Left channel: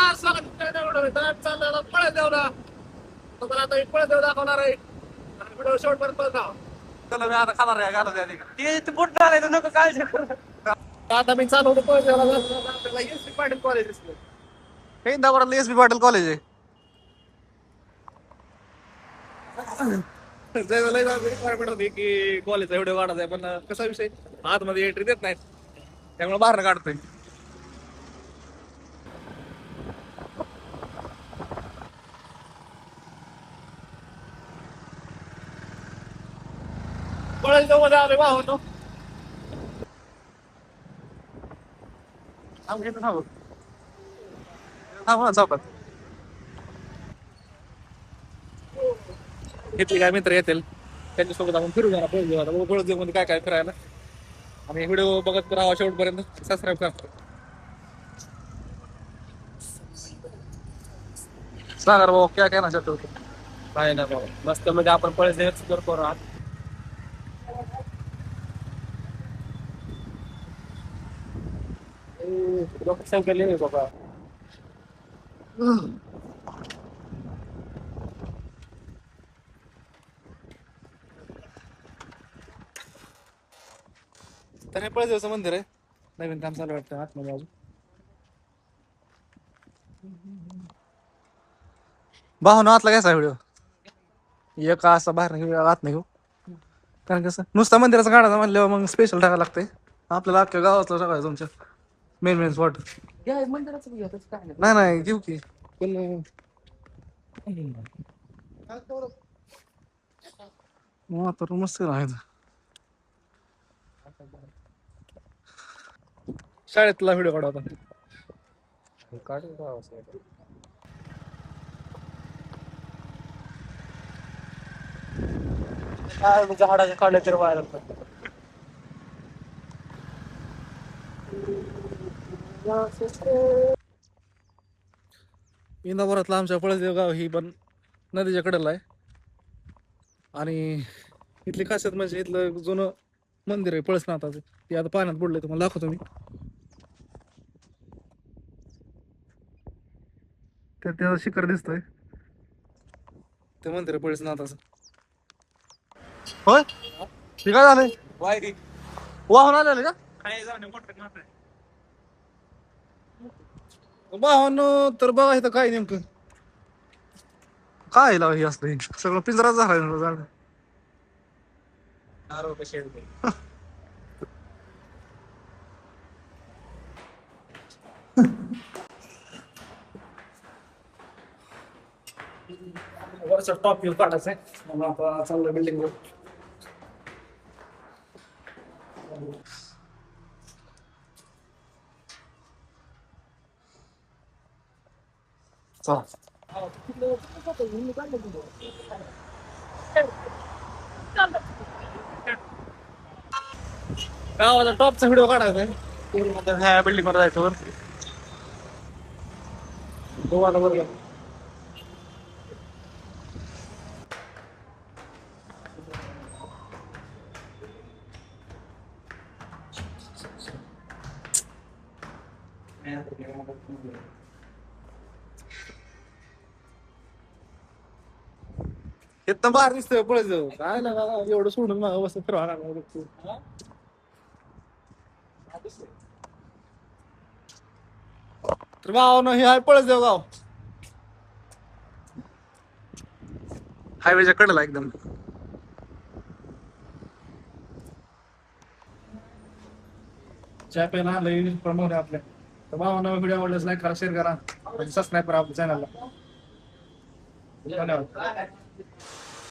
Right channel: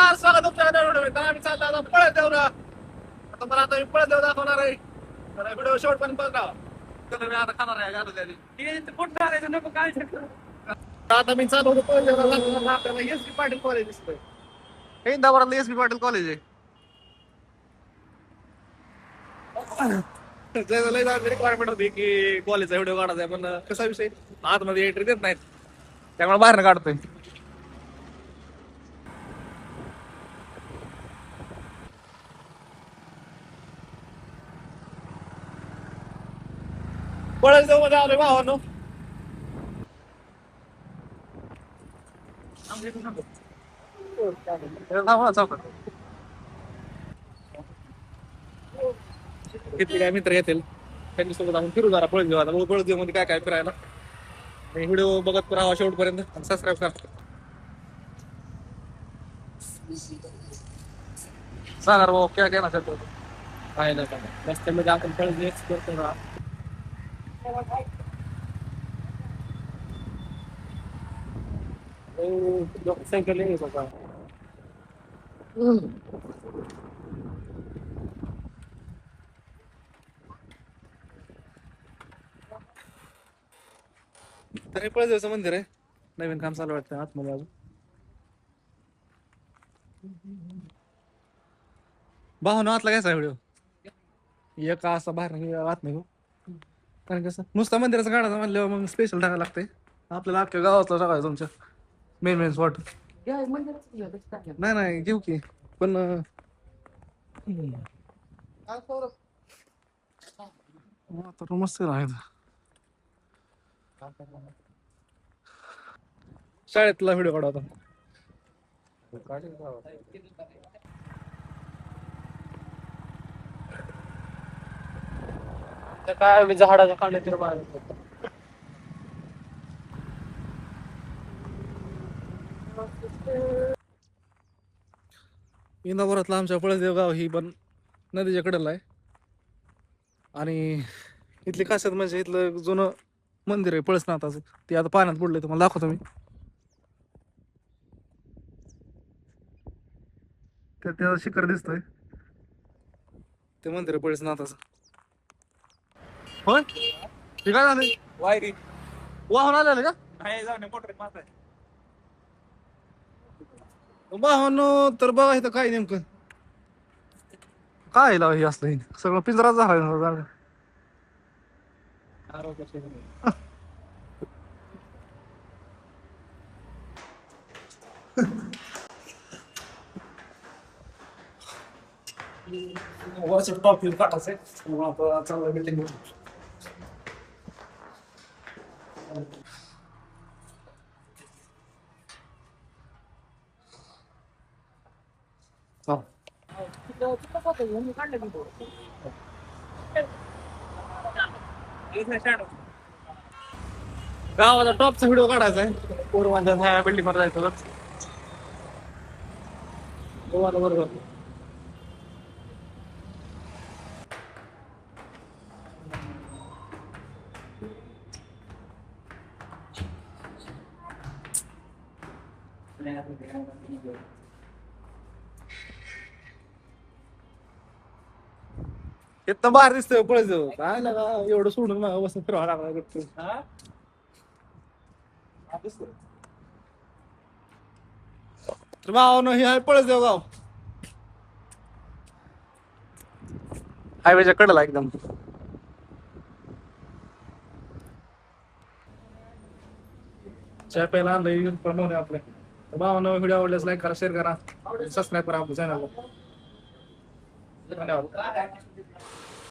नमस्कार, स्वागत तुमच्या व्हिडिओ. तर आम्ही चाललो आता पळत देऊ ना. तुम्हाला आता मी पळत देऊ दाखवणार आहे. तर व्हिडिओ शेवटपर्यंत बघा. चला मी आता खाणार आहे गाणं द्यायला. ते कुठं आलाय नको काळजी करू. आता मी चालू होतो पळत देऊला जाताना आपल्याला एस.बी. पाटील कॉलेज दिसलंय. हे इंदापुरातलं एस.बी. पाटील कॉलेज आहे. लय रिक्वायरमेंट होती की कॉलेजचा व्हिडिओ काढायचा आहे, पण कसा विषय आतमध्ये एंट्री देत नाहीत, त्यामुळे बाहेर काढतोय. पळत जाऊ मध्ये आलोय भावानो. चौकात इथले काय मित्र येतील, त्यांच्यासोबत आपण फिरू जरा पळत घेऊ. आता बघू पळत मध्ये काय काय फिरायला. आणि व्हिडिओ बघत राहा शेवटपर्यंत. सबस्क्राईब करा. सांगा रे भाऊ, काय काय ना चालतो काय नाही बाबा, मस्त मध्ये आपण पळत एक्सप्लोर करू. लोकसंख्या आहे बाबा. तर हे पळदेवचं मंदिर आहे, नवीन काम चालू वाटतं आतमध्ये अजून. भावना आतला घ्यायचा व्हिडिओ एक असा बाहेर नाही आत नाही घेऊ, कारण कसं नुसता मंदिराचा काढायचा म्हणल्यावर मग स्पेशल टाकायला लागतंय. आपल्याला अख्ख्या गावातला टाकायचं तुमच्या मेन मेन स्पॉट. नाही नाही घेऊ की, पण आता मस्त आहे. शाळेतला व्हिडिओ काढा होता. काय मी झाडाच्या काढल्या तर व्हायला इंदापुरातला आमच्या पळसदेव गाव ही पण नदीच्या कडेला आहे. आणि इथली खासियत म्हणजे इथलं जुनं मंदिर आहे पळसनाथाचं, ते आता पाण्यात पडलंय. तुम्हाला दाखवतो मी. त्याचं शिखर दिसतोय, ते मंदिर आहे पळसनाथाचं. होय, ते काय झालंय वाहून आलेलं का वाहन? तर बघा इथं काय नेमकं काय लाव हे असलं, सगळं पिंजराच झाला. वरचा टॉप व्ह्यू काढायचा आहे. आता चांगलं बिल्डिंग वर गावाला टॉपचा व्हिडिओ काढायचा आहे. पूर्वांच्या ह्या बिल्डिंग वर जायचं वर गोवाला वर जाऊ. इथं बाहेर दिसतोय पळत जाऊ. काय ना एवढं सोडून मग बस फिरवा लागला. तर भावानं हे आहे पळसदेव गाव, हायवेच्या कडेला एकदम. चहा प्यायला आणलं प्रमोद आहे आपल्या. तर भावानं व्हिडिओ आवडल्यास लाईक करा, शेअर करा आणि सबस्क्राईब करा आपल्या चॅनलला. धन्यवाद.